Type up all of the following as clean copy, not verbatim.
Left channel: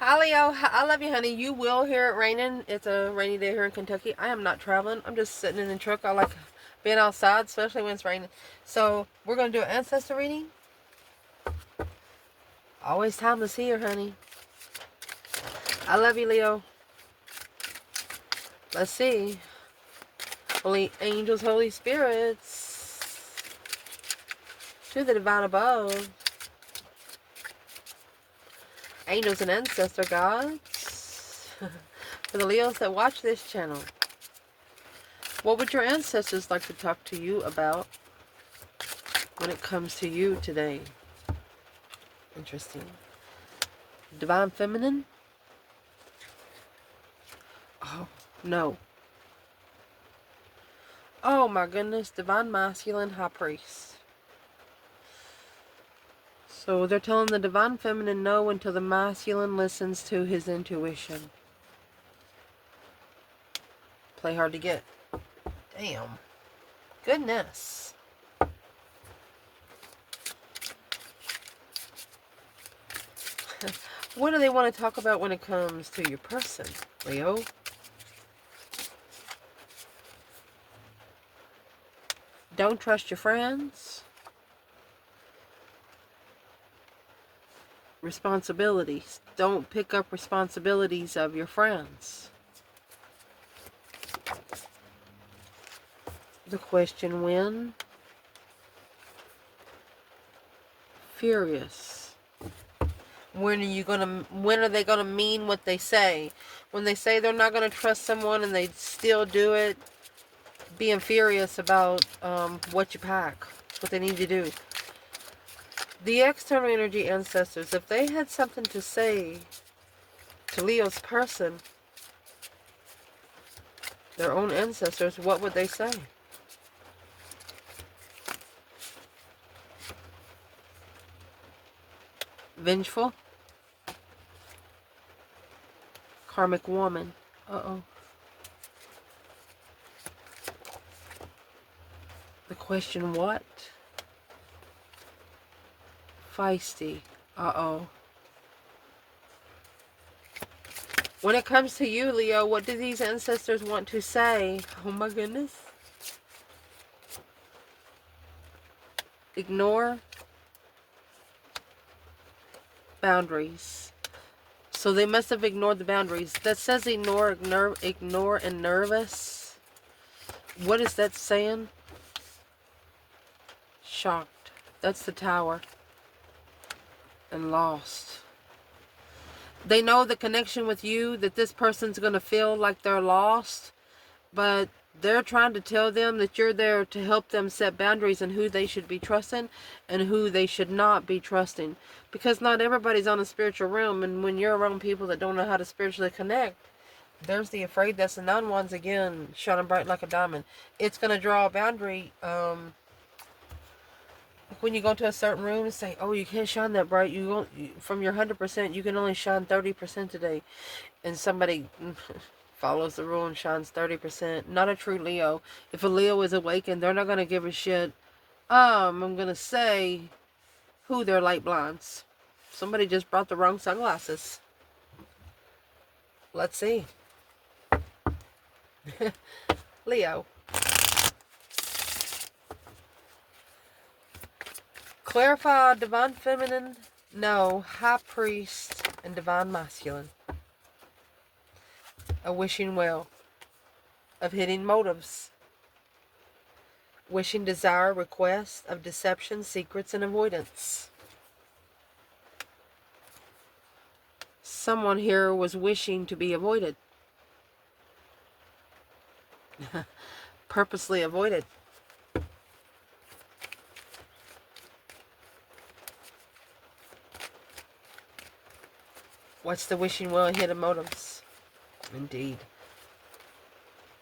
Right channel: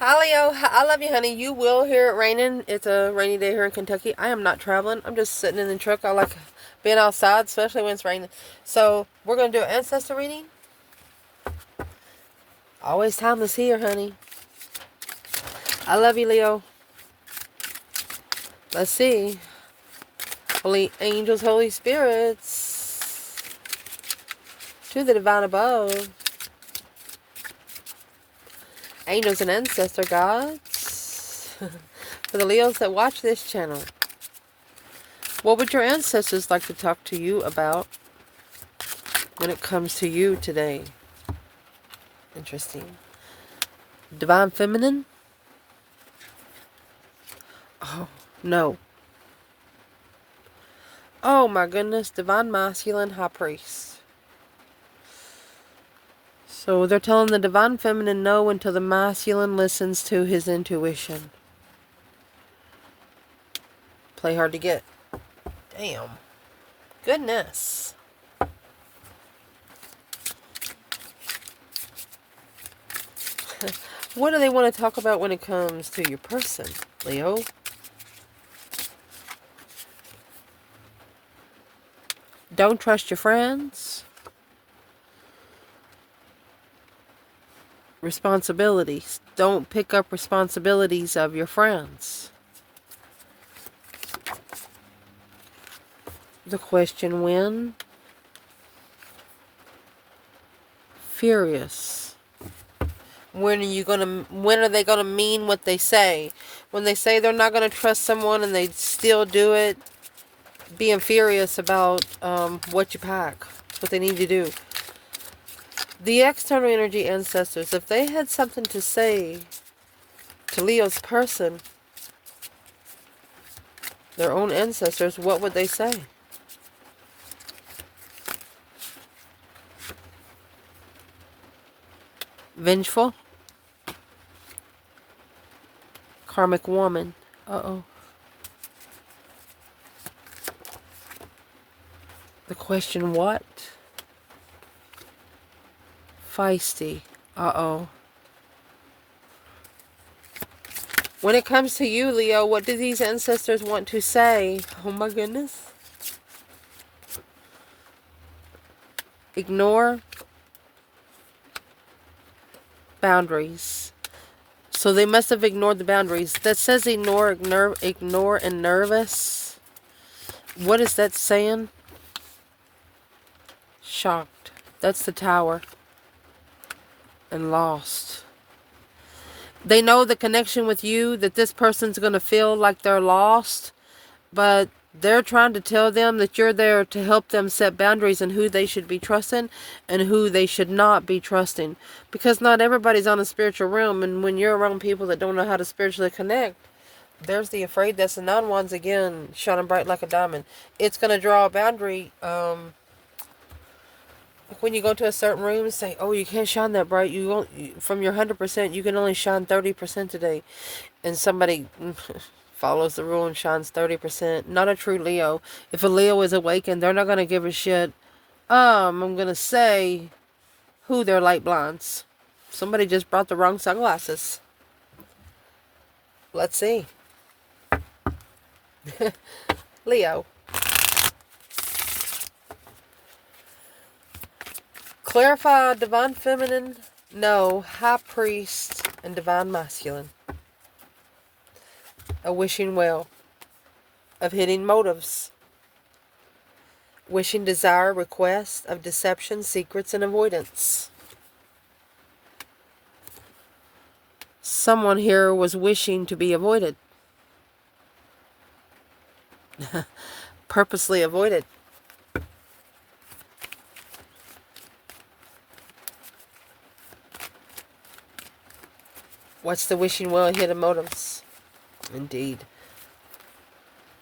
Hi Leo, I love you, honey. You will hear it raining. It's a rainy day here in Kentucky. I am not traveling. I'm just sitting in the truck. I like being outside, especially when it's raining. So we're gonna do an ancestor reading. Always timeless here, honey. I love you, Leo. Let's see. Holy angels, holy spirits, to the divine above. Angels and ancestor gods. For the Leos that watch this channel. What would your ancestors like to talk to you about when it comes to you today? Interesting. Divine feminine? Oh, no. Oh my goodness. Divine masculine, high priest. So they're telling the divine feminine no until the masculine listens to his intuition. Play hard to get. Damn. Goodness. What do they want to talk about when it comes to your person, Leo? Don't trust your friends. Responsibilities. Don't pick up responsibilities of your friends. The question when? Furious. When are they gonna mean what they say? When they say they're not gonna trust someone and they still do it, being furious about what you pack, what they need to do. The external energy ancestors, if they had something to say to Leo's person, their own ancestors, what would they say? Vengeful? Karmic woman. Uh-oh. The question what? Feisty. Uh-oh. When it comes to you, Leo, what do these ancestors want to say? Oh my goodness. Ignore. Boundaries. So they must have ignored the boundaries. That says ignore and nervous. What is that saying? Shocked. That's the tower. And lost. They know the connection with you, that this person's going to feel like they're lost, but they're trying to tell them that you're there to help them set boundaries and who they should be trusting and who they should not be trusting. Because not everybody's on a spiritual realm, and when you're around people that don't know how to spiritually connect, there's the afraid that's the non ones again, shining bright like a diamond. It's going to draw a boundary. When you go to a certain room and say, oh, you can't shine that bright. You won't, from your 100%, you can only shine 30% today. And somebody follows the rule and shines 30%. Not a true Leo. If a Leo is awakened, they're not going to give a shit. I'm going to say who their light blinds. Somebody just brought the wrong sunglasses. Let's see. Leo. Clarify divine feminine, no, high priest, and divine masculine. A wishing well of hidden motives. Wishing desire, request of deception, secrets, and avoidance. Someone here was wishing to be avoided. Purposely avoided. What's the wishing well and hidden motives? Indeed.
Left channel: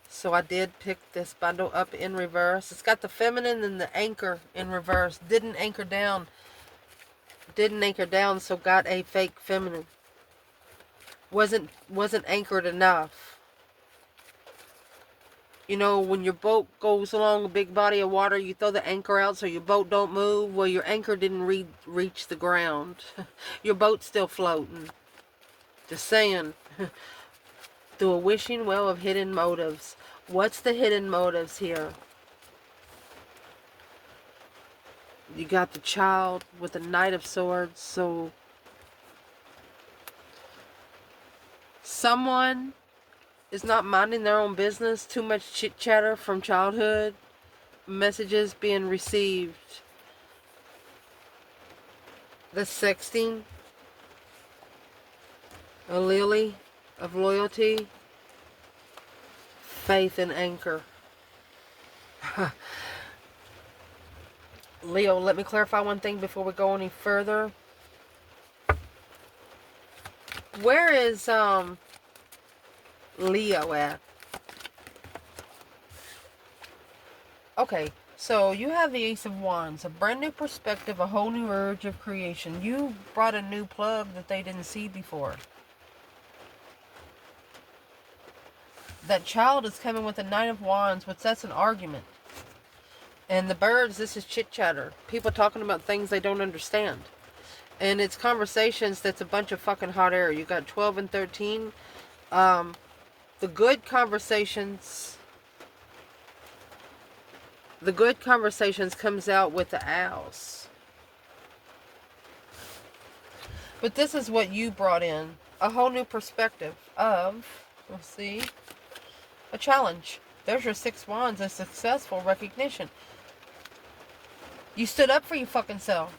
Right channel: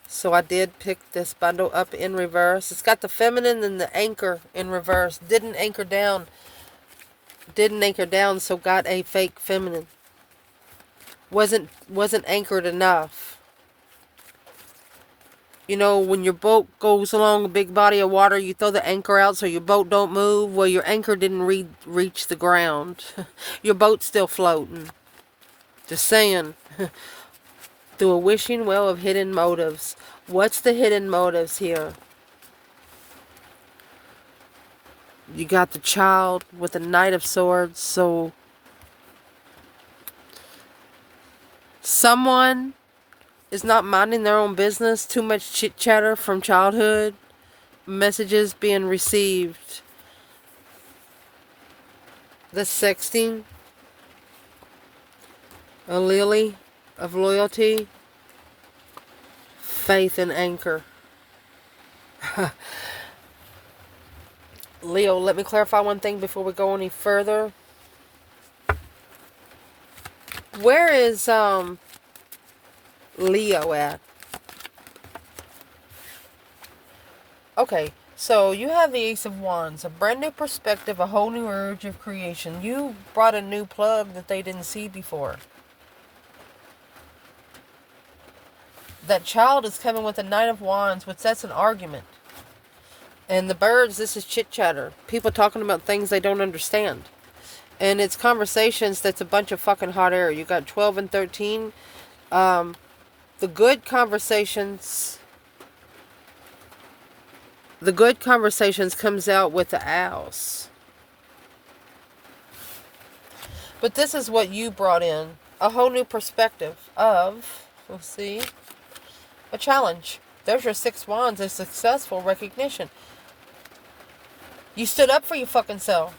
So I did pick this bundle up in reverse. It's got the feminine and the anchor in reverse. Didn't anchor down, so got a fake feminine. Wasn't anchored enough. You know, when your boat goes along a big body of water, you throw the anchor out so your boat don't move. Well, your anchor didn't reach the ground. Your boat's still floating. Just saying. Through a wishing well of hidden motives. What's the hidden motives here? You got the child with the Knight of Swords. So someone is not minding their own business. Too much chit chatter from childhood. Messages being received. The sexting. A lily of loyalty. Faith and anchor. Leo, let me clarify one thing before we go any further. Where is Leo at? Okay, so you have the Ace of Wands, a brand new perspective, a whole new urge of creation. You brought a new plug that they didn't see before. That child is coming with the Knight of Wands, which that's an argument. And the birds, this is chit chatter. People talking about things they don't understand. And it's conversations that's a bunch of fucking hot air. You got 12 and 13. The good conversations. The good conversations comes out with the owls. But this is what you brought in. A whole new perspective of, let's see, a challenge. There's your 6 wands, a successful recognition. You stood up for your fucking self.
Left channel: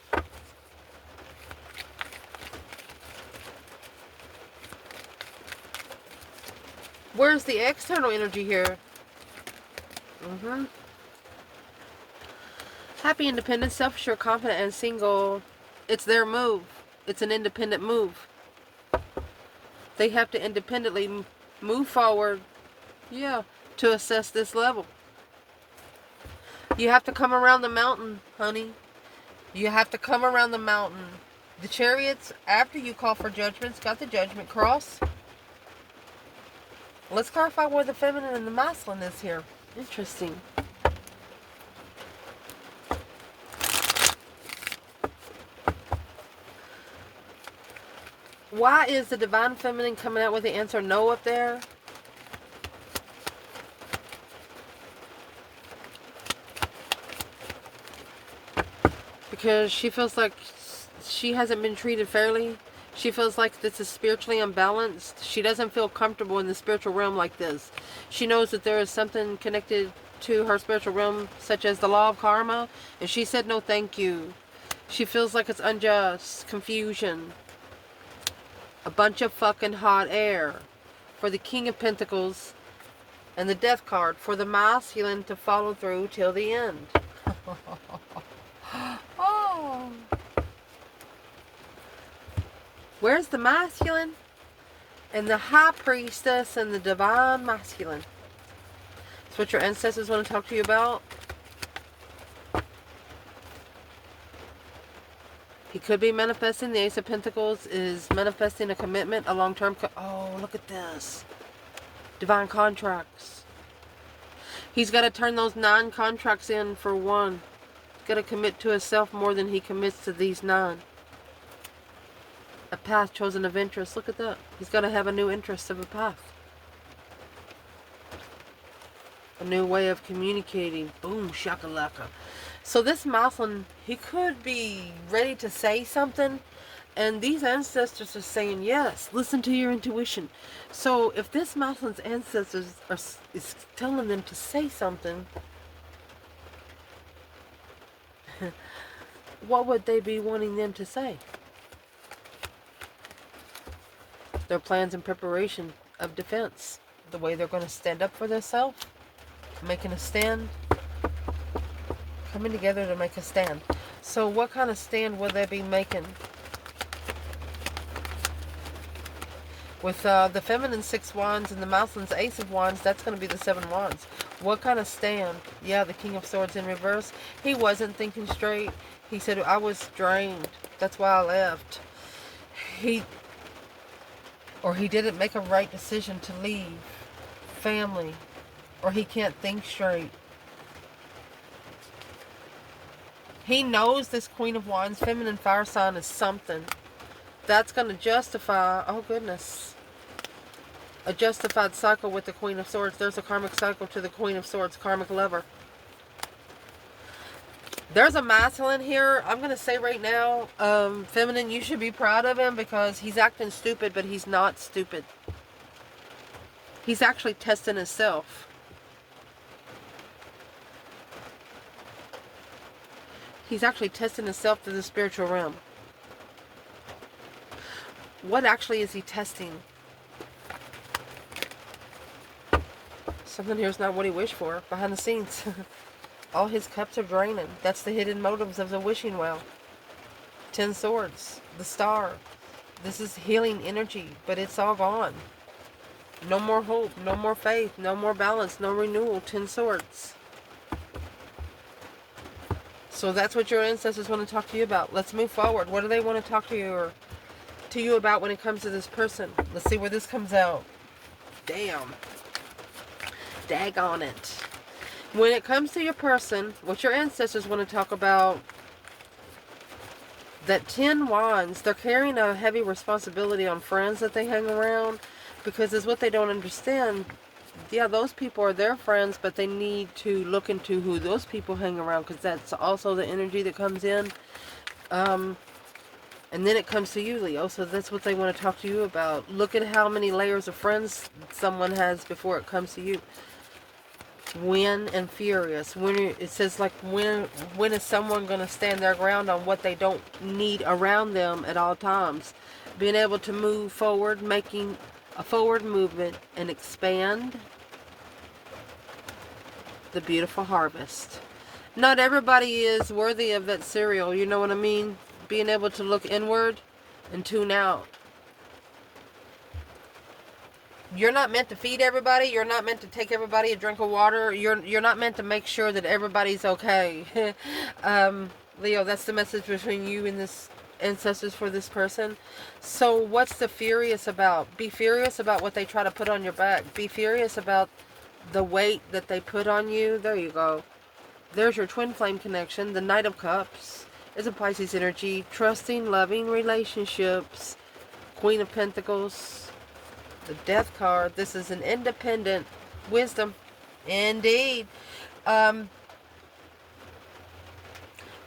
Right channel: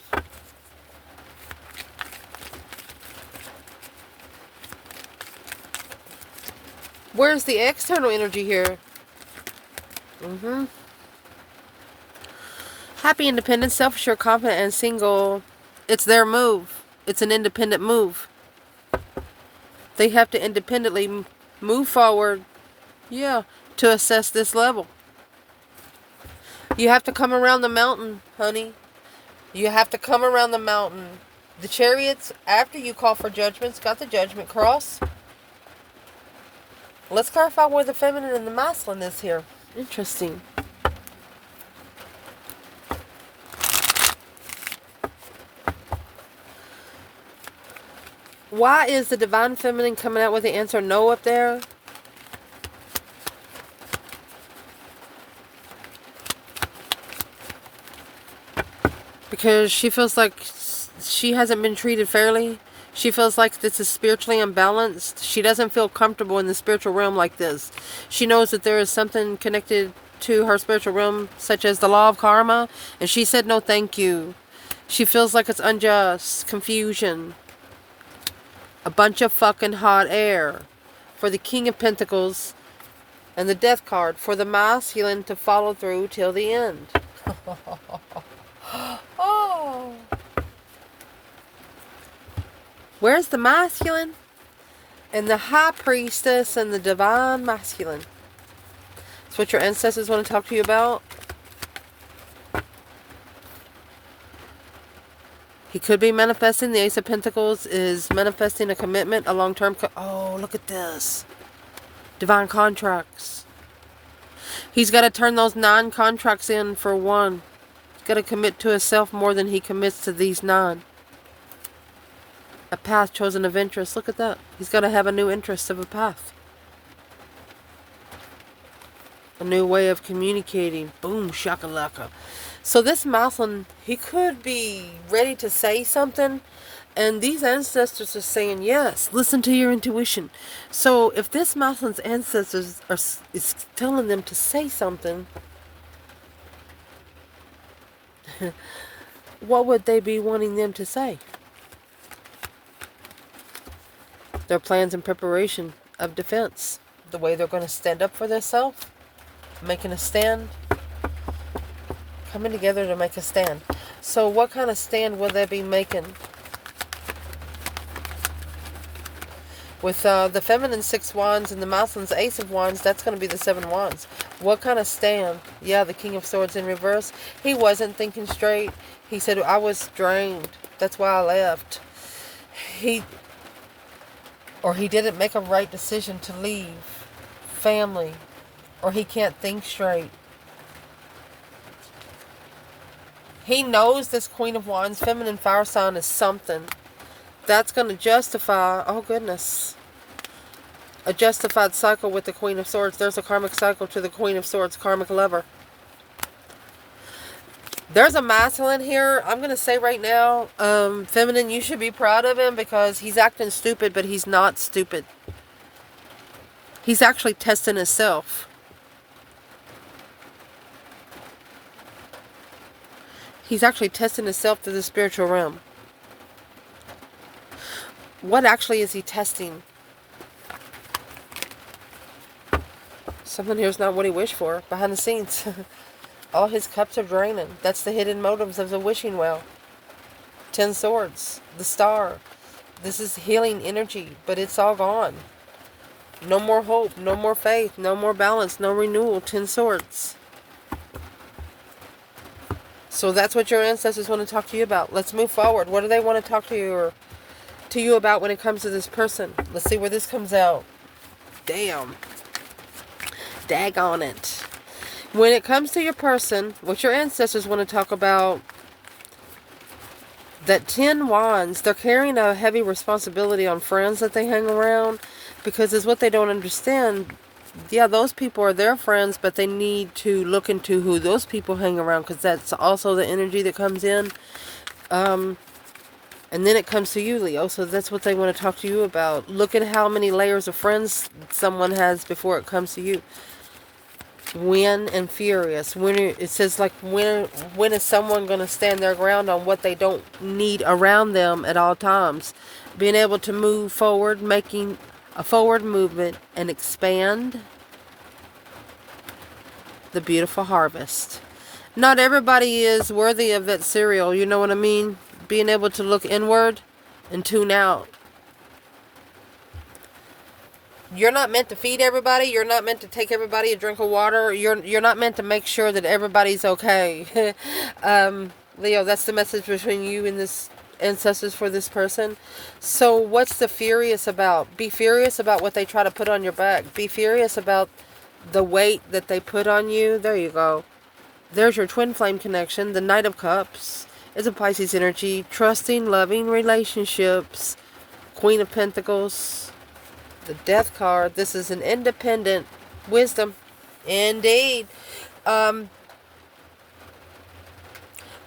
Where's the external energy here? Happy, independent, self-assured, confident, and single. It's their move. It's an independent move. They have to independently move forward, yeah, to assess this level. You have to come around the mountain, honey. You have to come around the mountain. The Chariots, after you call for judgments, got the Judgment Cross. Let's clarify where the feminine and the masculine is here. Interesting. Why is the divine feminine coming out with the answer no up there? Because she feels like she hasn't been treated fairly. She feels like this is spiritually unbalanced. She doesn't feel comfortable in the spiritual realm like this. She knows that there is something connected to her spiritual realm, such as the law of karma, and she said no thank you. She feels like it's unjust, confusion, a bunch of fucking hot air. For the King of Pentacles and the Death card, for the masculine to follow through till the end. Oh. Where's the masculine? And the High Priestess and the Divine Masculine. That's what your ancestors want to talk to you about. He could be manifesting. The Ace of Pentacles is manifesting a commitment, a long-term... Oh, look at this. Divine contracts. He's got to turn those 9 contracts in for one. He's got to commit to himself more than he commits to these 9. A path chosen of interest. Look at that. He's got to have a new interest of a path. A new way of communicating. Boom, shakalaka. So this masculine, he could be ready to say something. And these ancestors are saying, yes, listen to your intuition. So if this masculine's ancestors is telling them to say something, what would they be wanting them to say? Their plans and preparation of defense. The way they're going to stand up for themselves. Making a stand. Coming together to make a stand. So what kind of stand will they be making? With the feminine 6 wands and the masculine's Ace of Wands, that's going to be the 7 wands. What kind of stand? Yeah, the King of Swords in reverse. He wasn't thinking straight. He said, I was drained. That's why I left. He didn't make a right decision to leave. Family. Or he can't think straight. He knows this Queen of Wands, feminine fire sign, is something That's going to justify, oh goodness, a justified cycle with the Queen of Swords. There's a karmic cycle to the Queen of Swords, karmic lover. There's a masculine here. I'm going to say right now, feminine, you should be proud of him because he's acting stupid, but he's not stupid. He's actually testing himself. He's actually testing himself through the spiritual realm. What actually is he testing? Something here is not what he wished for. Behind the scenes. All his cups are draining. That's the hidden motives of the wishing well. 10 swords. The star. This is healing energy, but it's all gone. No more hope. No more faith. No more balance. No renewal. 10 swords. So that's what your ancestors want to talk to you about. Let's move forward. What do they want to talk to you about when it comes to this person? Let's see where this comes out. Damn. Daggone it. When it comes to your person, what your ancestors want to talk about, that 10 wands, they're carrying a heavy responsibility on friends that they hang around, because it's what they don't understand. Yeah, those people are their friends, but they need to look into who those people hang around, because that's also the energy that comes in. And then it comes to you, Leo, so that's what they want to talk to you about. Look at how many layers of friends someone has before it comes to you. When and furious. When it says, like, when is someone going to stand their ground on what they don't need around them at all times? Being able to move forward, making a forward movement and expand the beautiful harvest. Not everybody is worthy of that cereal, you know what I mean? Being able to look inward and tune out. You're not meant to feed everybody. You're not meant to take everybody a drink of water. You're not meant to make sure that everybody's okay. Leo, that's the message between you and this ancestors for this person. So what's the furious about? Be furious about what they try to put on your back. Be furious about the weight that they put on you. There you go. There's your twin flame connection. The Knight of Cups is a Pisces energy. Trusting, loving relationships. Queen of Pentacles. The Death card. This is an independent wisdom. Indeed.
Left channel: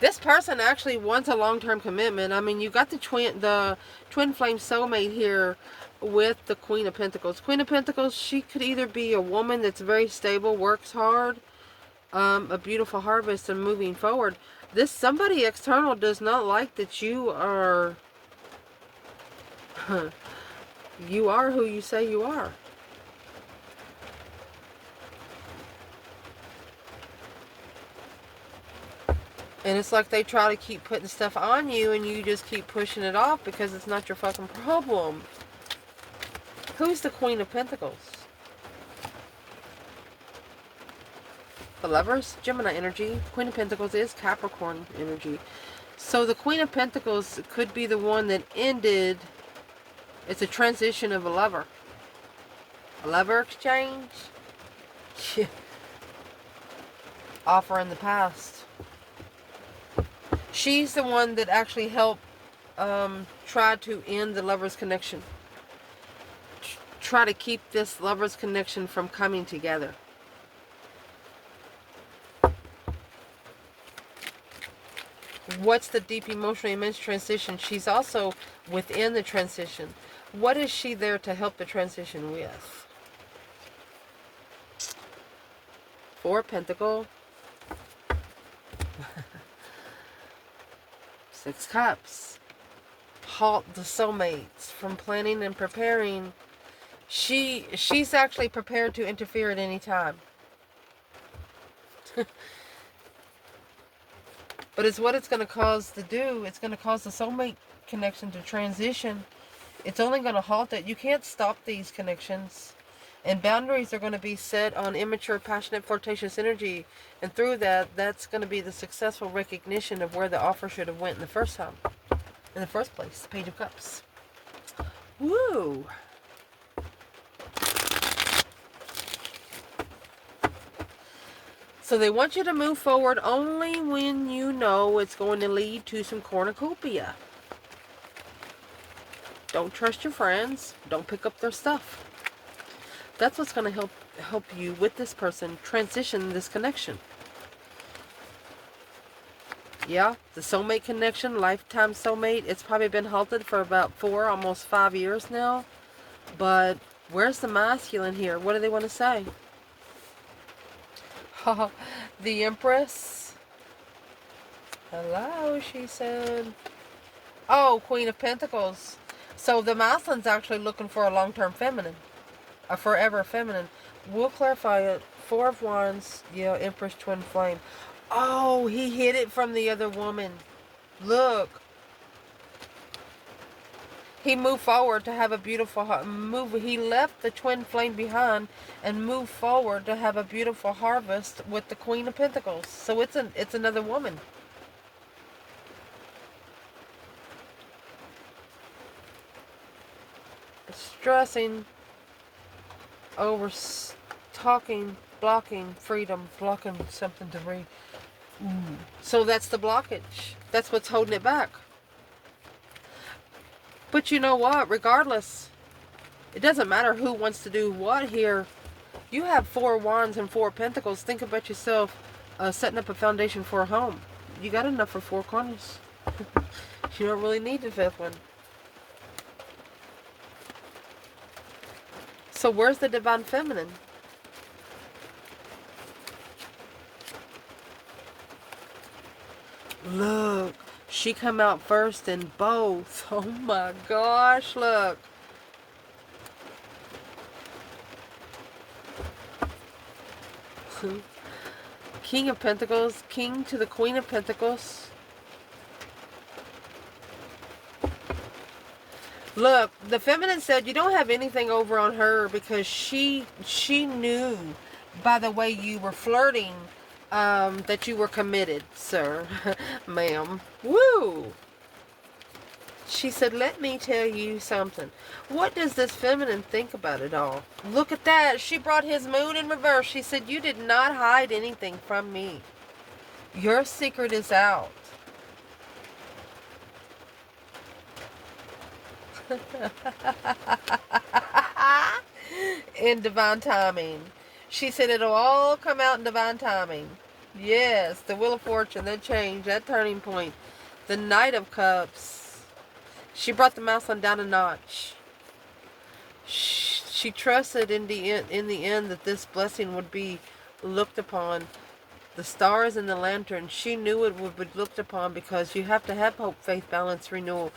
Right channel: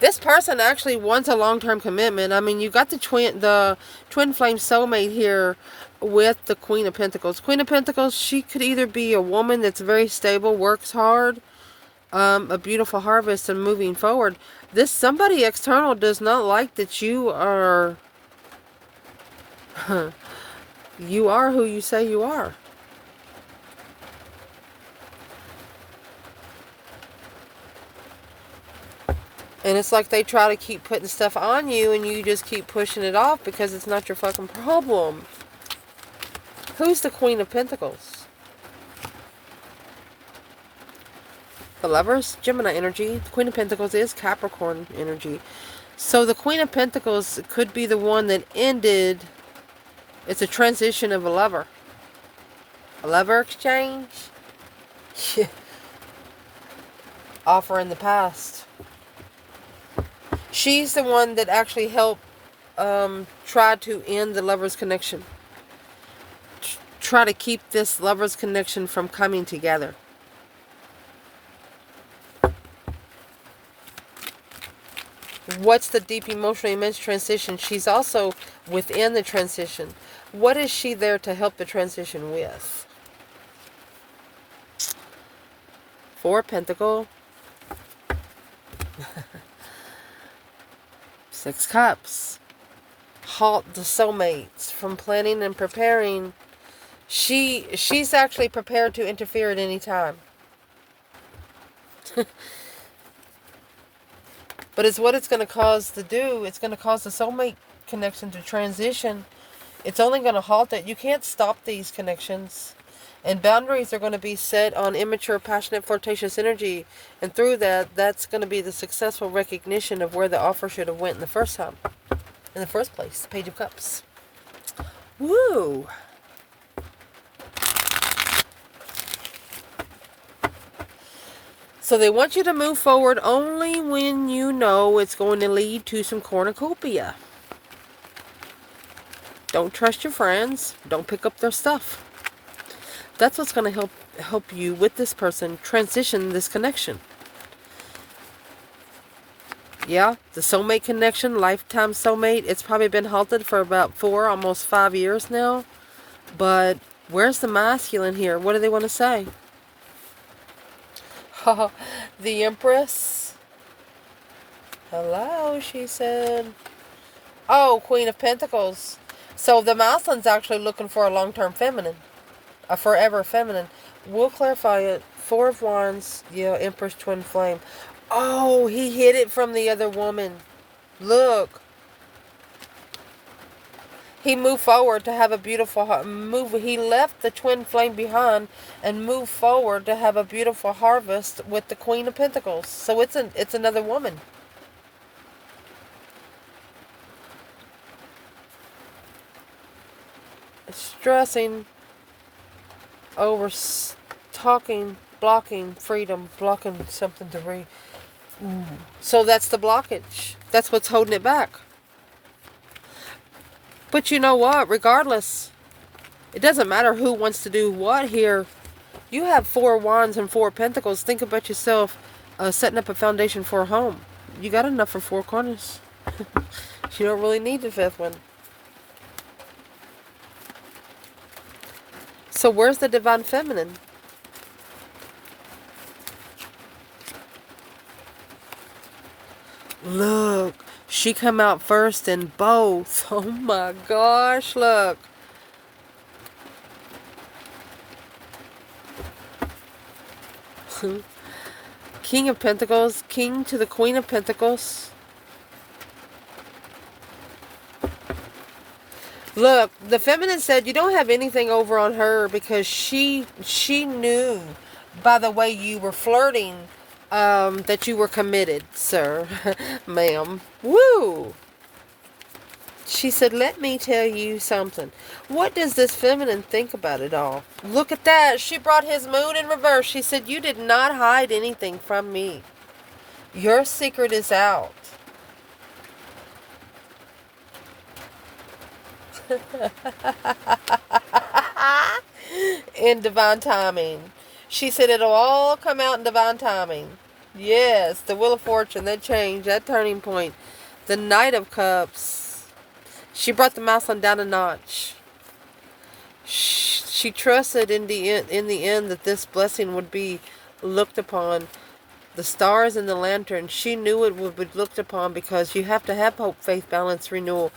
This person actually wants a long-term commitment. I mean, you got the twin flame soulmate here with the Queen of Pentacles. Queen of Pentacles, she could either be a woman that's very stable, works hard, a beautiful harvest and moving forward. This somebody external does not like that you are you are who you say you are. And it's like they try to keep putting stuff on you and you just keep pushing it off because it's not your fucking problem. Who's the Queen of Pentacles? The Lovers, Gemini energy. The Queen of Pentacles is Capricorn energy. So the Queen of Pentacles could be the one that ended. It's a transition of a lover. A lover exchange? Yeah. Offer in the past. She's the one that actually helped try to end the lover's connection. Try to keep this lover's connection from coming together. What's the deep emotional immense transition? She's also within the transition. What is she there to help the transition with? Four of Pentacles. 6 Cups. Halt the soulmates from planning and preparing. She's actually prepared to interfere at any time. But it's what it's going to cause to do. It's going to cause the soulmate connection to transition. It's only going to halt it. You can't stop these connections. And boundaries are going to be set on immature, passionate, flirtatious energy. And through that, that's going to be the successful recognition of where the offer should have went in the first time. In the first place, the Page of Cups. Woo! So they want you to move forward only when you know it's going to lead to some cornucopia. Don't trust your friends. Don't pick up their stuff. That's what's going to help you with this person transition this connection. Yeah, the soulmate connection, lifetime soulmate, it's probably been halted for about 4, almost 5 years now. But where's the masculine here? What do they want to say? The Empress. Hello, she said. Oh, Queen of Pentacles. So the masculine's actually looking for a long-term feminine. A forever feminine. We'll clarify it. 4 of Wands. Yeah, Empress, Twin Flame. Oh, he hid it from the other woman. Look. He moved forward to have a beautiful move. He left the Twin Flame behind and moved forward to have a beautiful harvest with the Queen of Pentacles. So it's another woman. Stressing over talking, blocking freedom, blocking something to read. So that's the blockage. That's what's holding it back. But you know what? Regardless, it doesn't matter who wants to do what here. You have 4 Wands and 4 Pentacles. Think about yourself setting up a foundation for a home. You got enough for 4 corners. You don't really need the 5th one. So where's the Divine Feminine? Look, she come out first in both. Oh my gosh, look. King of Pentacles, King to the Queen of Pentacles. Look, the feminine said you don't have anything over on her because she knew by the way you were flirting that you were committed, sir, ma'am. Woo! She said, let me tell you something. What does this feminine think about it all? Look at that. She brought his moon in reverse. She said, you did not hide anything from me. Your secret is out. In divine timing. She said it'll all come out in divine timing. Yes, the Wheel of Fortune, that change, that turning point. The Knight of Cups. She brought the masculine down a notch. She trusted in the end that this blessing would be looked upon. The stars and the lantern, she knew it would be looked upon because you have to have hope, faith, balance, renewal.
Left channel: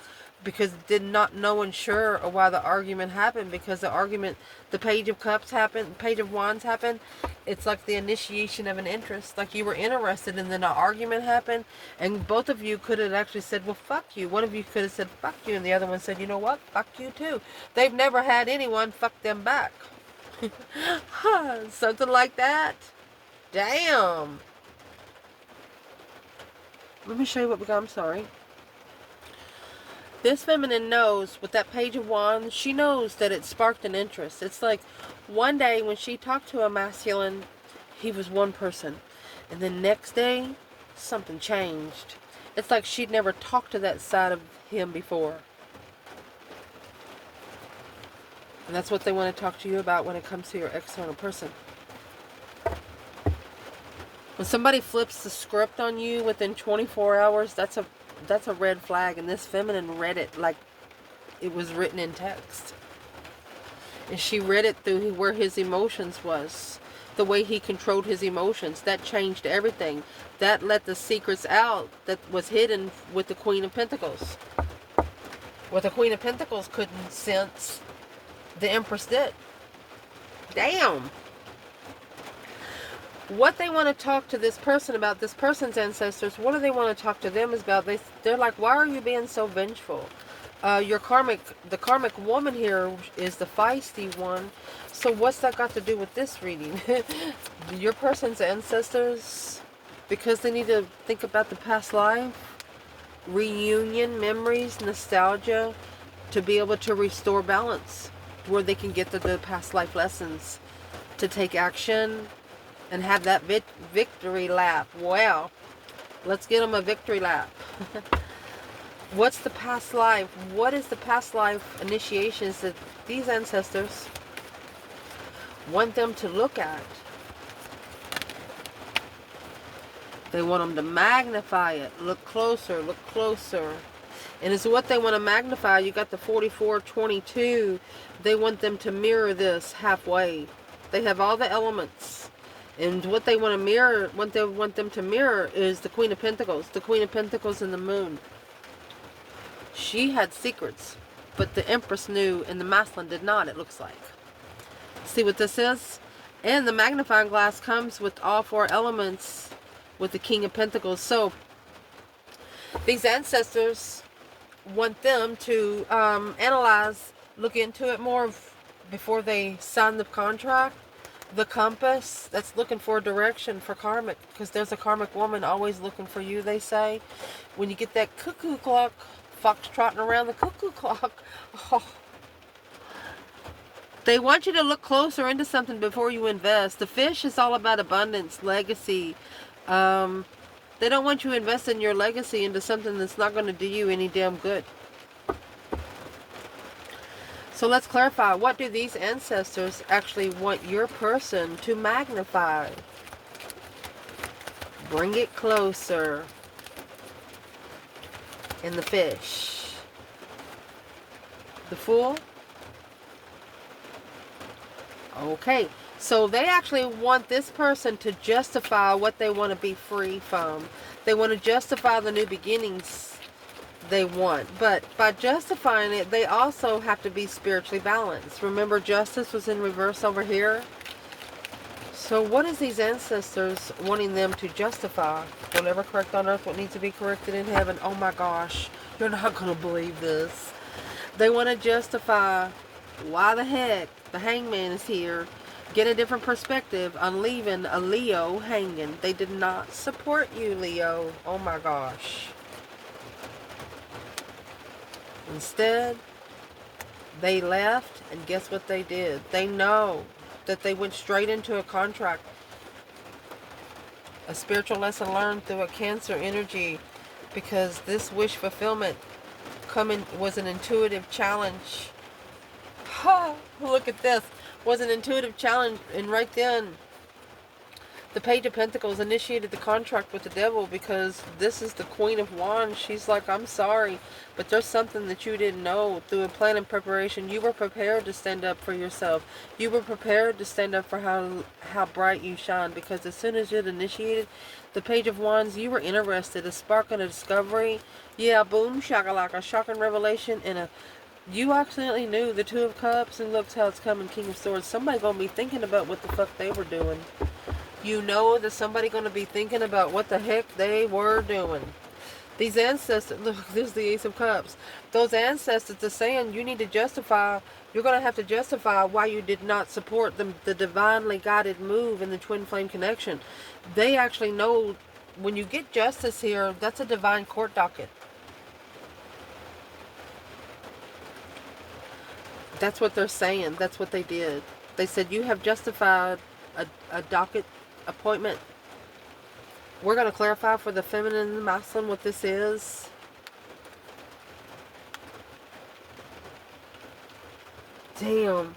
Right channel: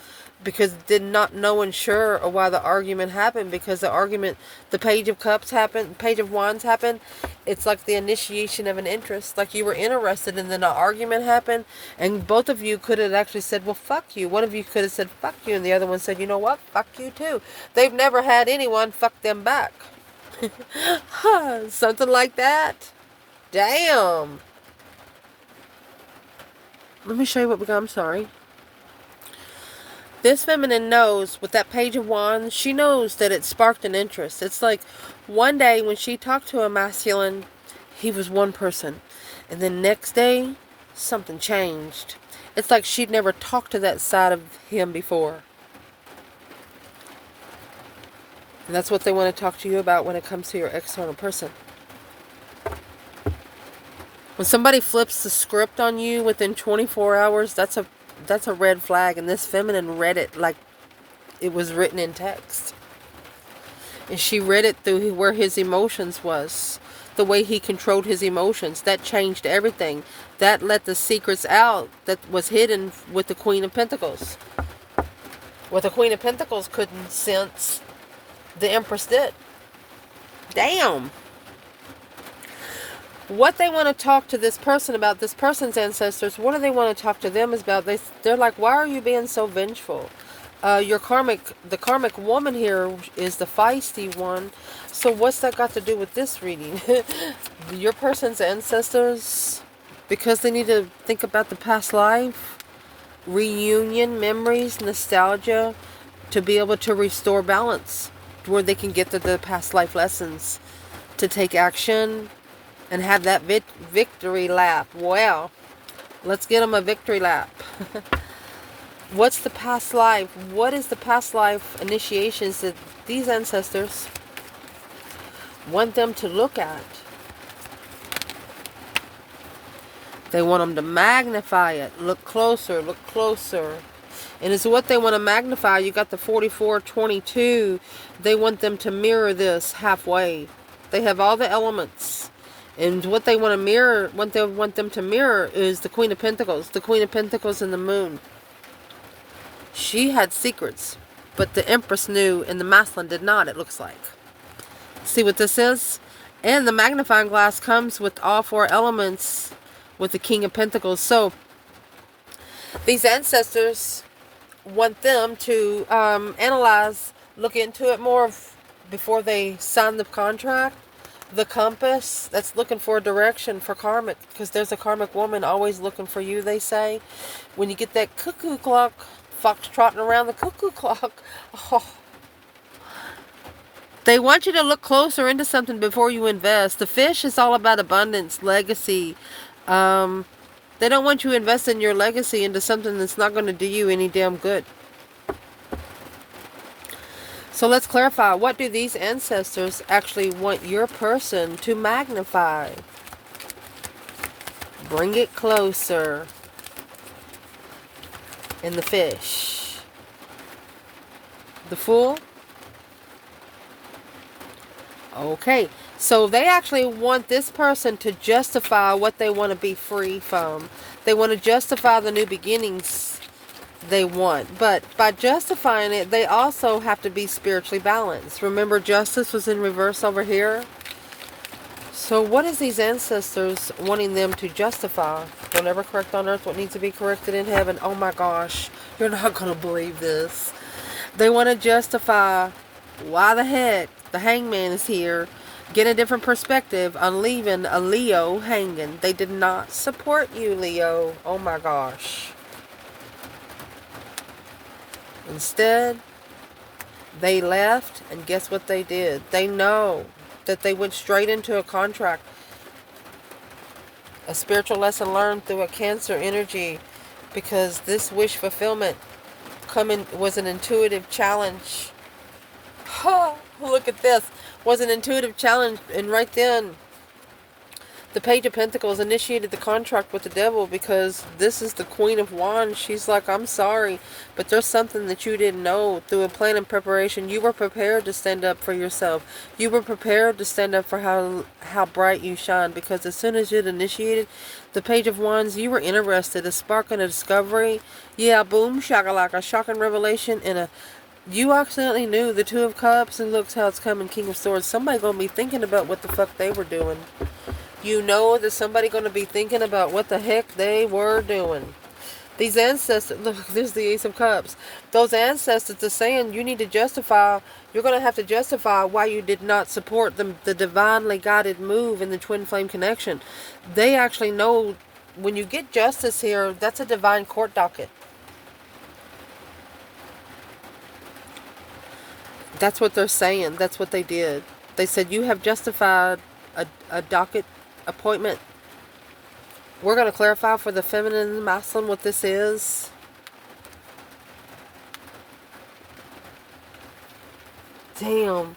Because did not know and sure or why the argument happened. Because the argument, the Page of Cups happened, Page of Wands happened. It's like the initiation of an interest. Like you were interested and then an argument happened. And both of you could have actually said, well, fuck you. One of you could have said, fuck you. And the other one said, you know what? Fuck you too. They've never had anyone fuck them back. Something like that. Damn. Let me show you what we got. I'm sorry. This feminine knows, with that Page of Wands, she knows that it sparked an interest. It's like one day when she talked to a masculine, he was one person. And then next day, something changed. It's like she'd never talked to that side of him before. And that's what they want to talk to you about when it comes to your external person. When somebody flips the script on you within 24 hours, that's a red flag. And this feminine read it like it was written in text. And she read it through where his emotions was. The way he controlled his emotions. That changed everything. That let the secrets out that was hidden with the Queen of Pentacles. What the Queen of Pentacles couldn't sense, the Empress did. Damn. What they want to talk to this person about, this person's ancestors, what do they want to talk to them about? They're like, why are you being so vengeful? The karmic woman here is the feisty one. So what's that got to do with this reading? Your person's ancestors, because they need to think about the past life, reunion, memories, nostalgia, to be able to restore balance, where they can get to the past life lessons, to take action, and have that victory lap. Well, let's get them a victory lap. What's the past life? What is the past life initiations that these ancestors want them to look at? They want them to magnify it. Look closer, look closer. And it's what they want to magnify. You got the 4422. They want them to mirror this halfway. They have all the elements. And what they want to mirror, what they want them to mirror is the Queen of Pentacles. The Queen of Pentacles and the Moon. She had secrets, but the Empress knew and the Masculine did not, it looks like. See what this is? And the magnifying glass comes with all four elements with the King of Pentacles. So these ancestors want them to analyze, look into it more before they sign the contract. The compass, that's looking for a direction for karmic, because there's a karmic woman always looking for you, they say. When you get that cuckoo clock, fox trotting around the cuckoo clock, oh, they want you to look closer into something before you invest. The fish is all about abundance, legacy. They don't want you to invest in your legacy into something that's not going to do you any damn good. So let's clarify. What do these ancestors actually want your person to magnify? Bring it closer. In the fish. The Fool. Okay. So they actually want this person to justify what they want to be free from. They want to justify the new beginnings they want. But by justifying it, they also have to be spiritually balanced. Remember, justice was in reverse over here. So what is these ancestors wanting them to justify? Don't ever correct on earth what needs to be corrected in heaven. Oh my gosh, you're not going to believe this. They want to justify why the heck the Hangman is here. Get a different perspective on leaving a Leo hanging. They did not support you, Leo. Oh my gosh. Instead, they left, and guess what they did? They know that they went straight into a contract. A spiritual lesson learned through a Cancer energy, because this wish fulfillment was an intuitive challenge. Look at this. Was an intuitive challenge, and right then the Page of Pentacles initiated the contract with the devil, because this is the Queen of Wands. She's like, I'm sorry, but there's something that you didn't know. Through a plan and preparation, you were prepared to stand up for yourself. You were prepared to stand up for how bright you shine, because as soon as it initiated the Page of Wands, you were interested, a spark and a discovery. Yeah, boom, shakalaka, shocking revelation, and you accidentally knew the Two of Cups, and look how it's coming, King of Swords. Somebody gonna be thinking about what the fuck they were doing. You know that somebody going to be thinking about what the heck they were doing. These ancestors, look, there's the Ace of Cups. Those ancestors are saying you need to justify, you're going to have to justify why you did not support the divinely guided move in the twin flame connection. They actually know when you get justice here, that's a divine court docket. That's what they're saying. That's what they did. They said you have justified a docket appointment. We're going to clarify for the feminine and the masculine what this is. Damn.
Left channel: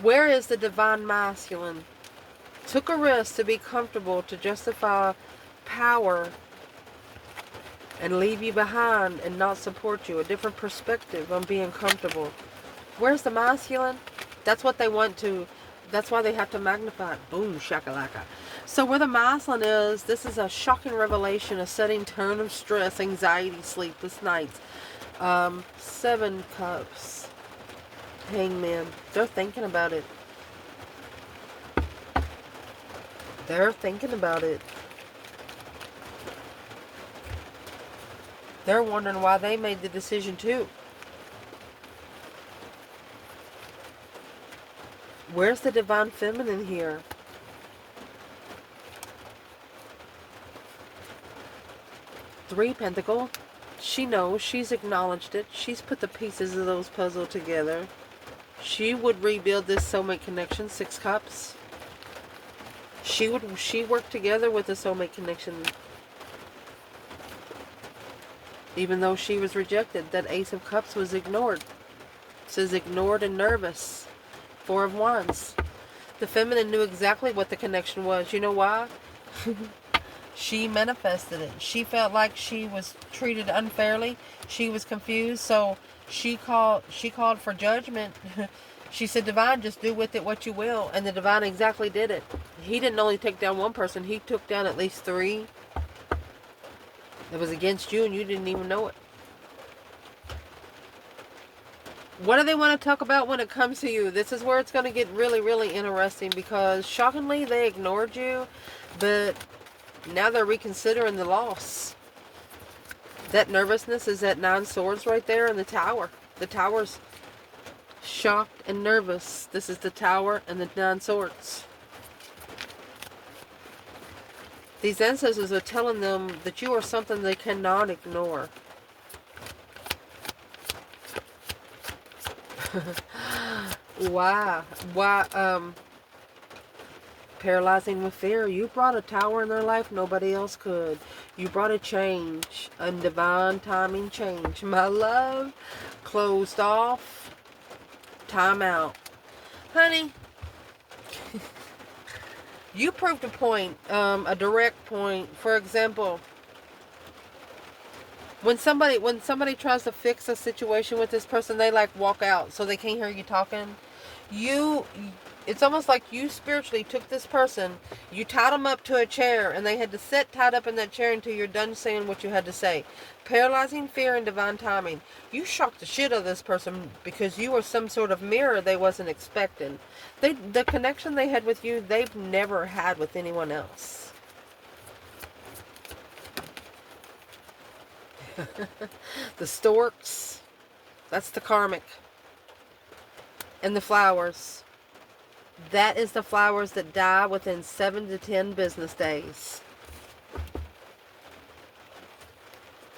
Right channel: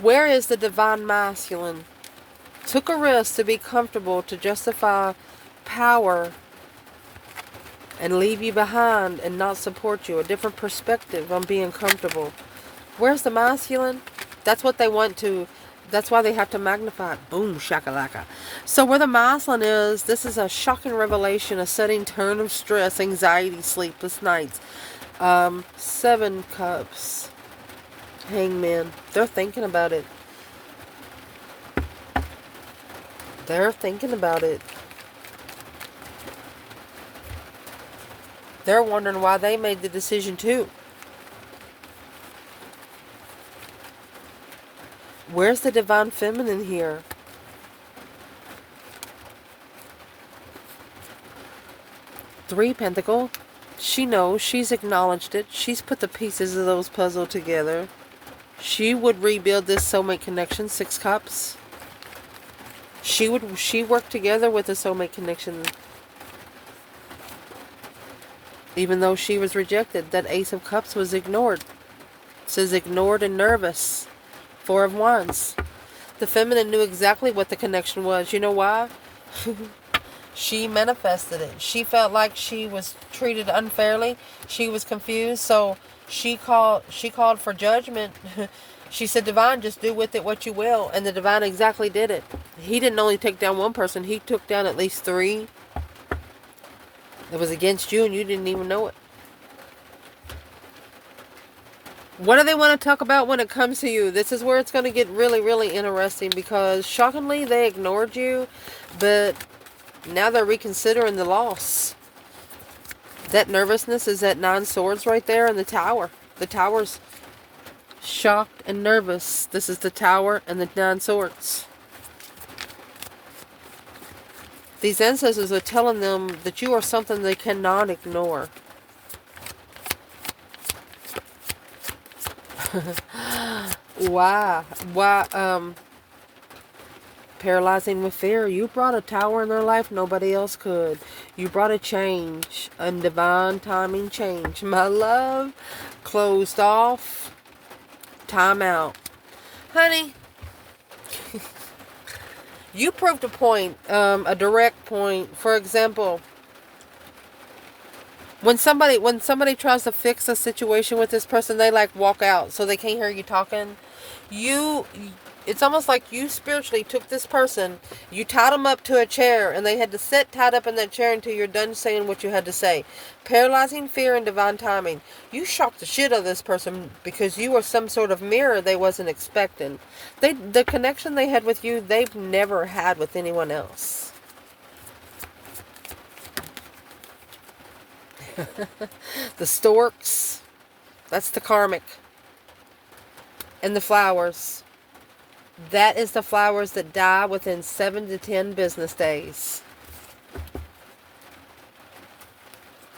Where is the divine masculine? Took a risk to be comfortable, to justify power, and leave you behind and not support you. A different perspective on being comfortable. Where's the masculine? That's what they want to. That's why they have to magnify it. Boom, shakalaka. So where the masculine is, this is a shocking revelation, a sudden turn of stress, anxiety, sleepless nights. 7 Cups. Hangman. They're thinking about it. They're thinking about it. They're wondering why they made the decision too. Where's the divine feminine here? Three Pentacle. She knows. She's acknowledged it. She's put the pieces of those puzzle together. She would rebuild this soulmate connection. 6 Cups. She worked together with the soulmate connection. Even though she was rejected, that Ace of Cups was ignored. It says ignored and nervous. Four of Wands. The feminine knew exactly what the connection was. You know why? She manifested it. She felt like she was treated unfairly. She was confused, so she called for judgment. She said, Divine, just do with it what you will. And the Divine exactly did it. He didn't only take down one person. He took down at least 3. It was against you and you didn't even know it. What do they want to talk about when it comes to you? This is where it's going to get really, really interesting, because shockingly they ignored you, but now they're reconsidering the loss. That nervousness is that 9 swords right there in the Tower. The Tower's shocked and nervous. This is the Tower and the 9 swords. These ancestors are telling them that you are something they cannot ignore. Why? Paralyzing with fear. You brought a Tower in their life nobody else could. You brought a change, a divine timing change. My love, closed off, time out. Honey, you proved a point, a direct point. For example, when somebody tries to fix a situation with this person, they like walk out so they can't hear you talking. It's almost like you spiritually took this person, you tied them up to a chair, and they had to sit tied up in that chair until you're done saying what you had to say. Paralyzing fear and divine timing. You shocked the shit out of this person because you were some sort of mirror they wasn't expecting. The connection they had with you, they've never had with anyone else. The storks, that's the karmic. And the flowers. That is the flowers that die within 7 to 10 business days.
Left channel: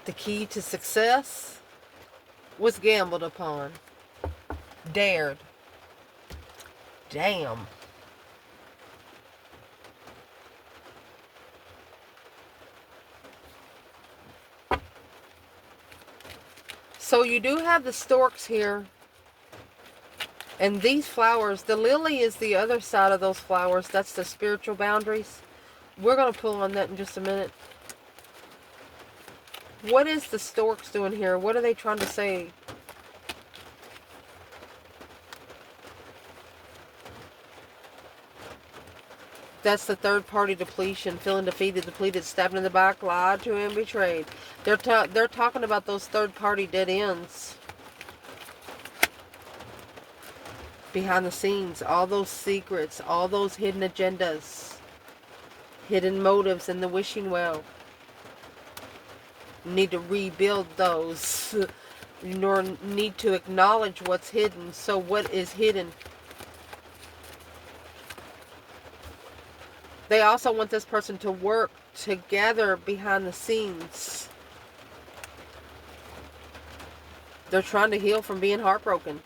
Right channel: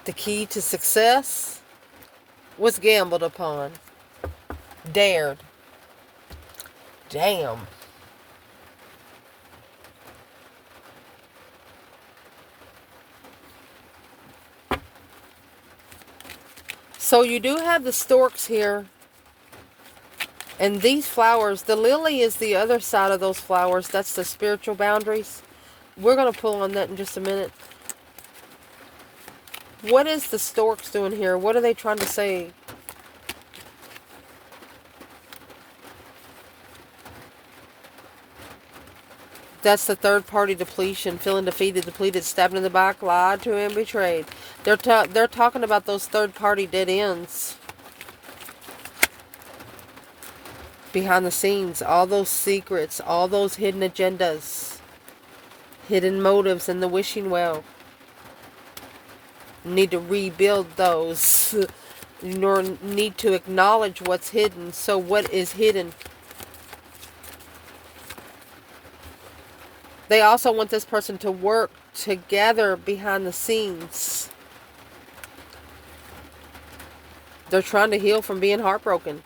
The key to success was gambled upon. Dared. Damn. So you do have the storks here. And these flowers, the lily is the other side of those flowers. That's the spiritual boundaries. We're going to pull on that in just a minute. What is the storks doing here? What are they trying to say? That's the third party depletion. Feeling defeated, depleted, stabbed in the back, lied to, and betrayed. They're talking about those third party dead ends. Behind the scenes, all those secrets, all those hidden agendas, hidden motives in the wishing well. You need to rebuild those. You need to acknowledge what's hidden. So what is hidden? They also want this person to work together behind the scenes. They're trying to heal from being heartbroken.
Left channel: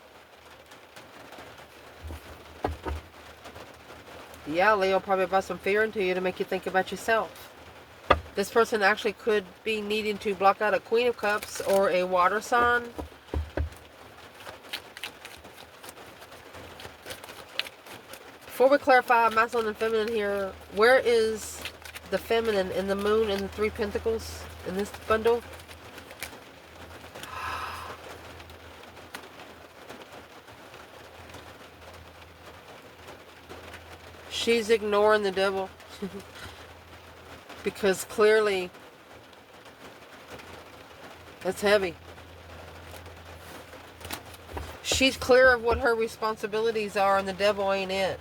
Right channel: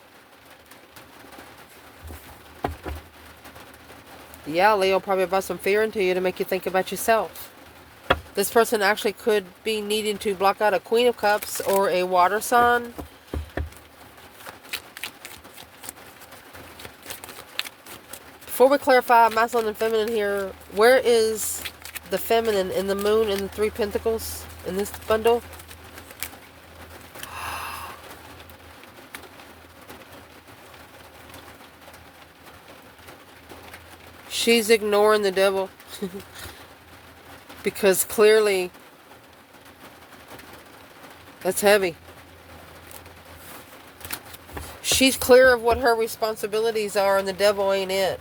Yeah, Leo probably brought some fear into you to make you think about yourself. This person actually could be needing to block out a Queen of Cups or a water sign. Before we clarify masculine and feminine here, where is the feminine in the moon and the 3 pentacles in this bundle? She's ignoring the devil. Because clearly that's heavy. She's clear of what her responsibilities are and the devil ain't it.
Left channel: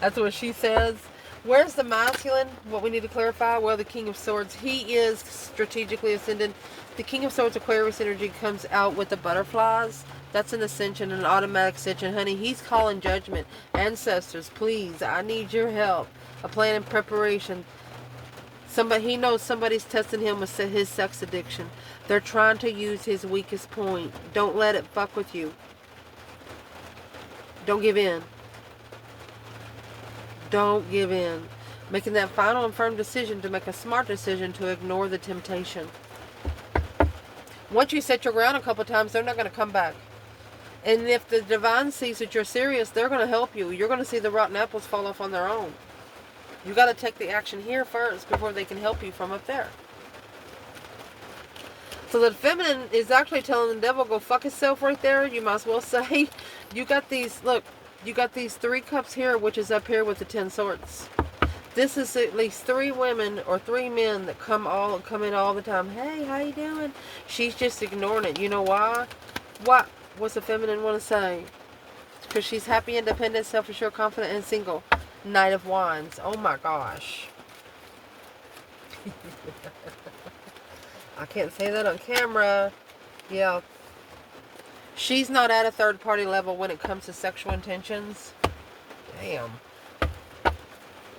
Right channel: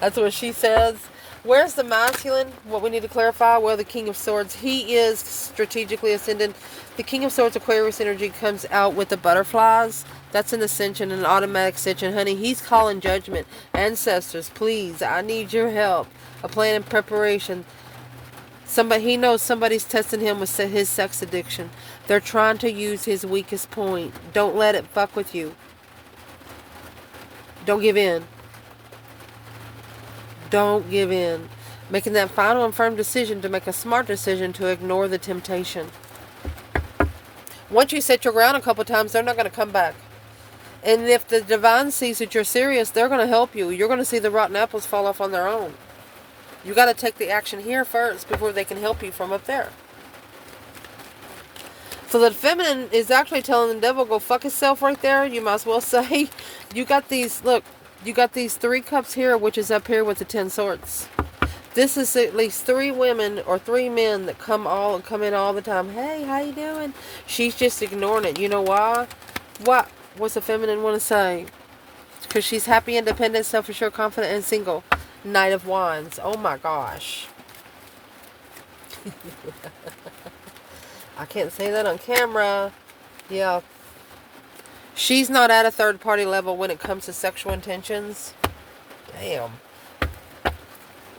That's what she says. Where's the masculine? What we need to clarify? Well, the King of Swords. He is strategically ascendant. The King of Swords Aquarius energy comes out with the butterflies. That's an ascension, an automatic ascension. Honey, he's calling judgment. Ancestors, please, I need your help. A plan and preparation. He knows somebody's testing him with his sex addiction. They're trying to use his weakest point. Don't let it fuck with you. Don't give in. Don't give in. Making that final and firm decision to make a smart decision to ignore the temptation. Once you set your ground a couple times, they're not going to come back. And if the divine sees that you're serious, they're going to help you. You're going to see the rotten apples fall off on their own. You got to take the action here first before they can help you from up there. So the feminine is actually telling the devil, go fuck himself right there. You might as well say, you got these, look, you got these 3 cups here, which is up here with the 10 swords. This is at least 3 women or 3 men that come in all the time. Hey, how you doing? She's just ignoring it. You know why? What's the feminine want to say? Because she's happy, independent, self-assured, confident, and single. Knight of Wands. Oh my gosh. I can't say that on camera. Yeah. She's not at a third party level when it comes to sexual intentions. Damn.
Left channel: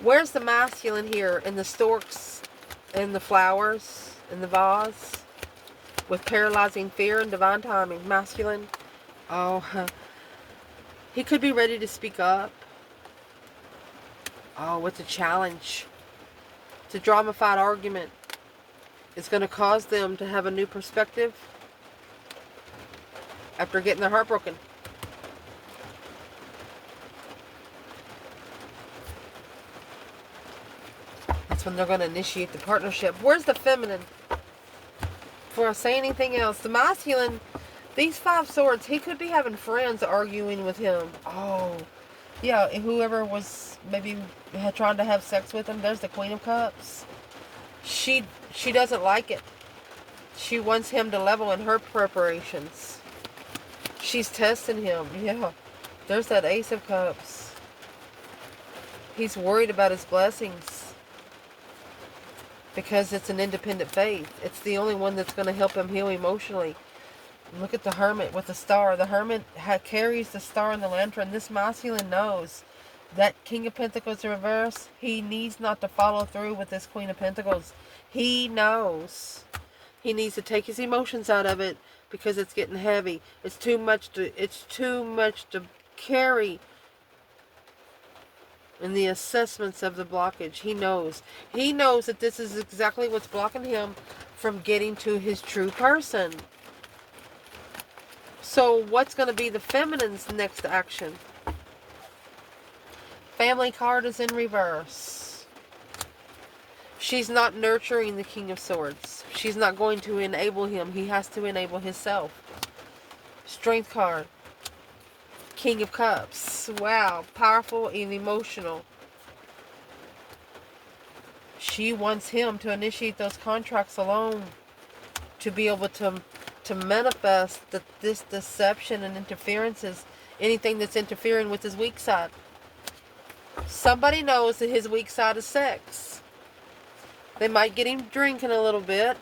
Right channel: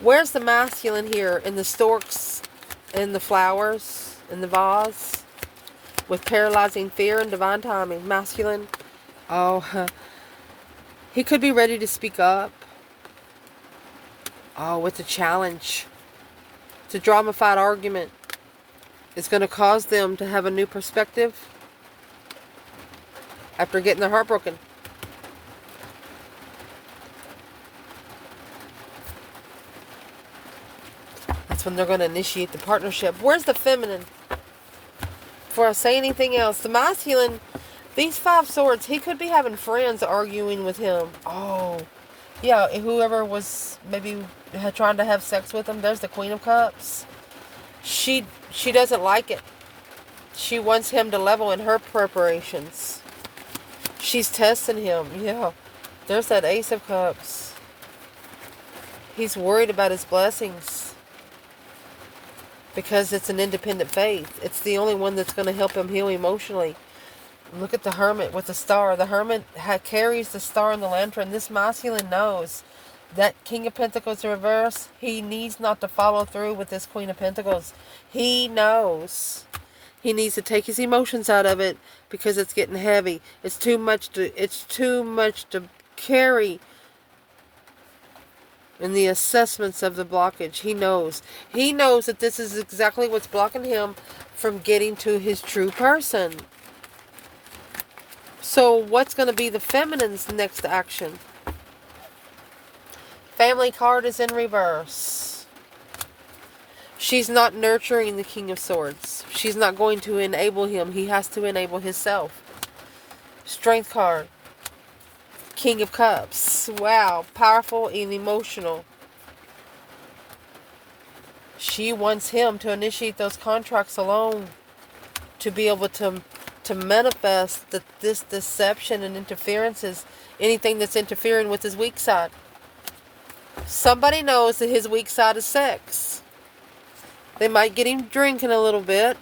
Where's the masculine here? In the storks, in the flowers, in the vase? With paralyzing fear and divine timing. Masculine. Oh, he could be ready to speak up. Oh, it's a challenge. It's a drama-fied argument. It's going to cause them to have a new perspective after getting their heart broken. That's when they're going to initiate the partnership. Where's the feminine? Before I say anything else, the masculine, these 5 swords, he could be having friends arguing with him. Oh, yeah, whoever was maybe trying to have sex with him. There's the Queen of Cups. She doesn't like it. She wants him to level in her preparations. She's testing him. Yeah. There's that Ace of Cups. He's worried about his blessings. Because it's an independent faith. It's the only one that's going to help him heal emotionally. Look at the Hermit with the star. The Hermit carries the star in the lantern. This masculine knows that King of Pentacles in reverse, he needs not to follow through with this Queen of Pentacles. He knows he needs to take his emotions out of it because it's getting heavy. It's too much to carry in the assessments of the blockage. He knows that this is exactly what's blocking him from getting to his true person. So what's going to be the feminine's next action? Family card is in reverse. She's not nurturing the King of Swords. She's not going to enable him. He has to enable himself. Strength card. King of Cups. Wow. Powerful and emotional. She wants him to initiate those contracts alone. To be able to manifest that this deception and interferences, anything that's interfering with his weak side. Somebody knows that his weak side is sex. They might get him drinking a little bit.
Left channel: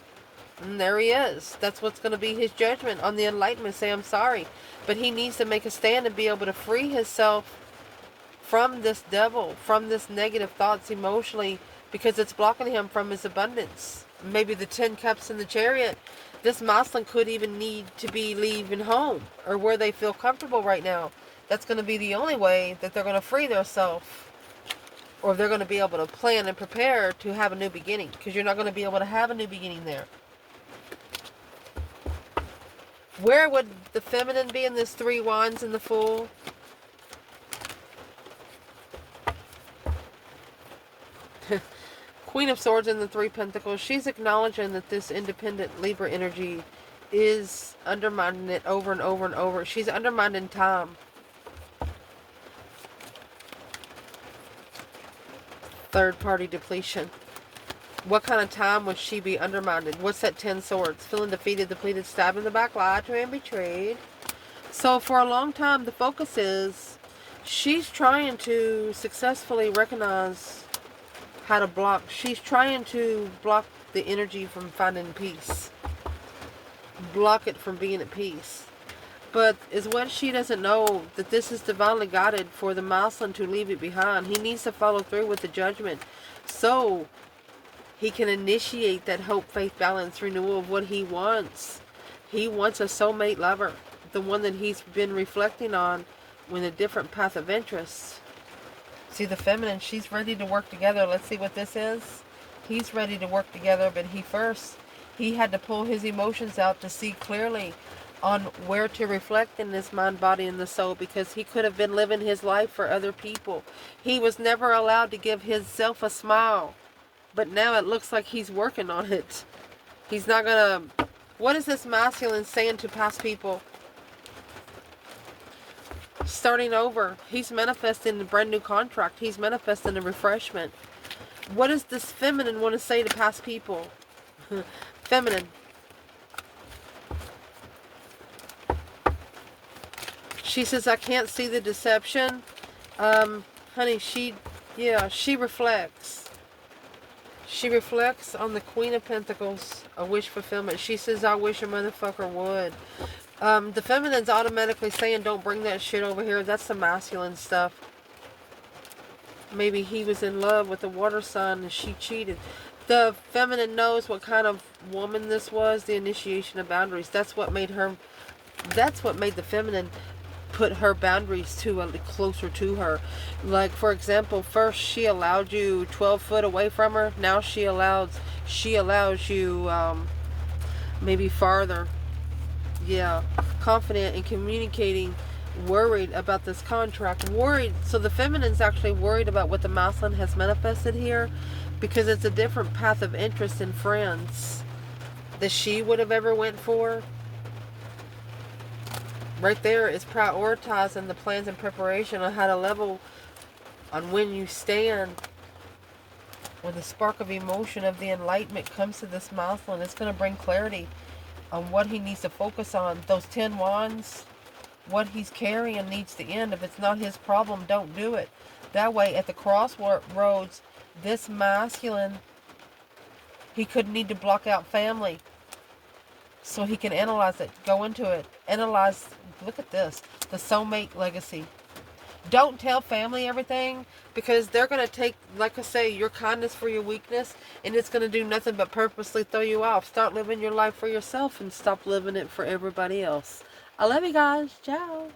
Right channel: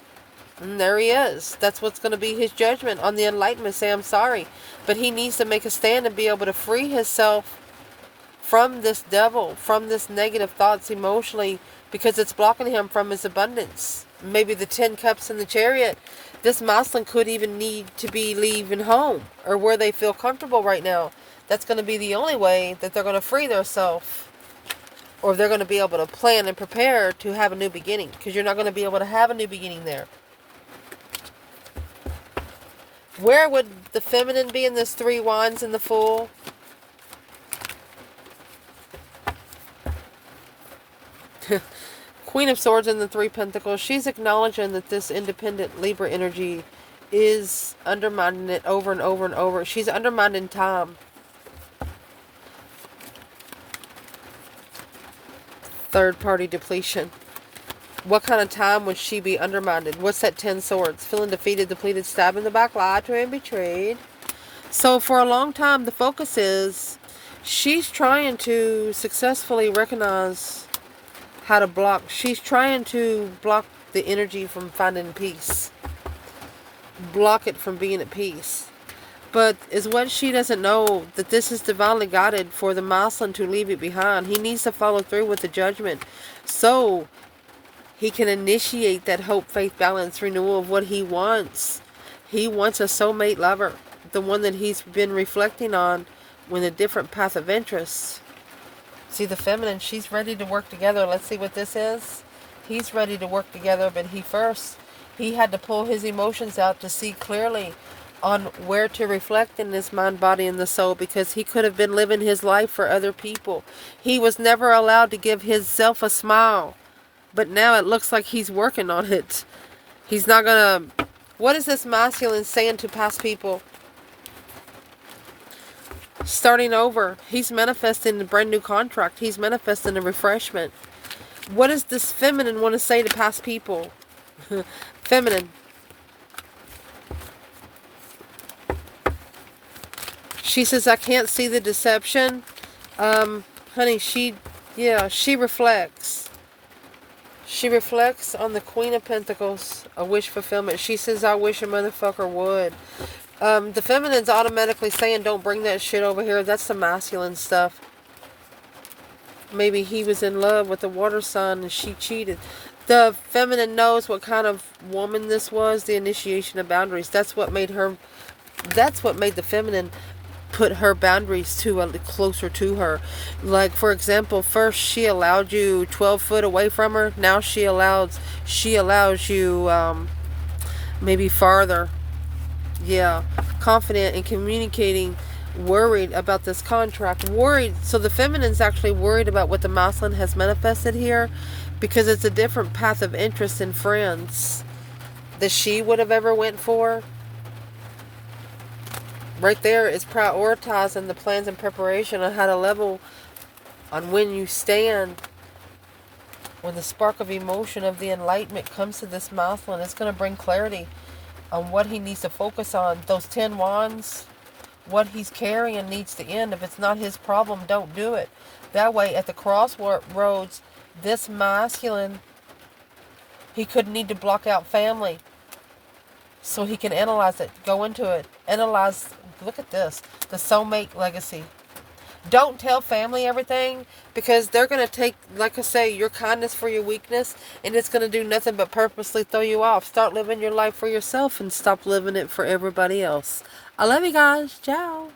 And there he is. That's what's going to be his judgment on the enlightenment. Say, I'm sorry. But he needs to make a stand and be able to free himself from this devil, from this negative thoughts emotionally, because it's blocking him from his abundance. Maybe the 10 cups in the Chariot. This masculine could even need to be leaving home or where they feel comfortable right now. That's going to be the only way that they're going to free themselves, or they're going to be able to plan and prepare to have a new beginning, because you're not going to be able to have a new beginning there. Where would the feminine be in this 3 wands and the Fool? Queen of Swords and the 3 Pentacles. She's acknowledging that this independent Libra energy is undermining it over and over and over. She's undermining time. Third party depletion. What kind of time would she be undermined? What's that 10 swords? Feeling defeated, depleted, stabbed in the back, lied to and betrayed. So for a long time, the focus is she's trying to successfully recognize how to block. She's trying to block the energy from finding peace. Block it from being at peace. But is what she doesn't know, that this is divinely guided for the masculine to leave it behind. He needs to follow through with the judgment, so he can initiate that hope, faith, balance, renewal of what he wants. He wants a soulmate lover, the one that he's been reflecting on with a different path of interest. See, the feminine, she's ready to work together. Let's see what this is. He's ready to work together, but he He had to pull his emotions out to see clearly on where to reflect in this mind, body, and the soul, because he could have been living his life for other people. He was never allowed to give himself a smile, but now it looks like he's working on it. He's not gonna... What is this masculine saying to past people? Starting over. He's manifesting a brand new contract. He's manifesting a refreshment. What does this feminine want to say to past people? Feminine. She says, I can't see the deception. Honey, she reflects. She reflects on the Queen of Pentacles, a wish fulfillment. She says, I wish a motherfucker would. The feminine's automatically saying, don't bring that shit over here. That's the masculine stuff. Maybe he was in love with the water sign and she cheated. The feminine knows what kind of woman this was, the initiation of boundaries. That's what made the feminine put her boundaries closer to her. Like, for example, first she allowed you 12 foot away from her. Now she allows you maybe farther. Yeah, confident in communicating, worried about this contract, worried. So the feminine's actually worried about what the masculine has manifested here, because it's a different path of interest in friends that she would have ever went for. Right there is prioritizing the plans and preparation on how to level on when you stand. When the spark of emotion of the enlightenment comes to this masculine, it's going to bring clarity on what he needs to focus on. Those 10 wands, what he's carrying needs to end. If it's not his problem, don't do it. That way, at the crossroads, this masculine, he could need to block out family so he can analyze it, go into it, analyze. Look at this, the soulmate legacy. Don't tell family everything, because they're going to take, like I say, your kindness for your weakness, and it's going to do nothing but purposely throw you off. Start living your life for yourself and stop living it for everybody else. I love you guys. Ciao.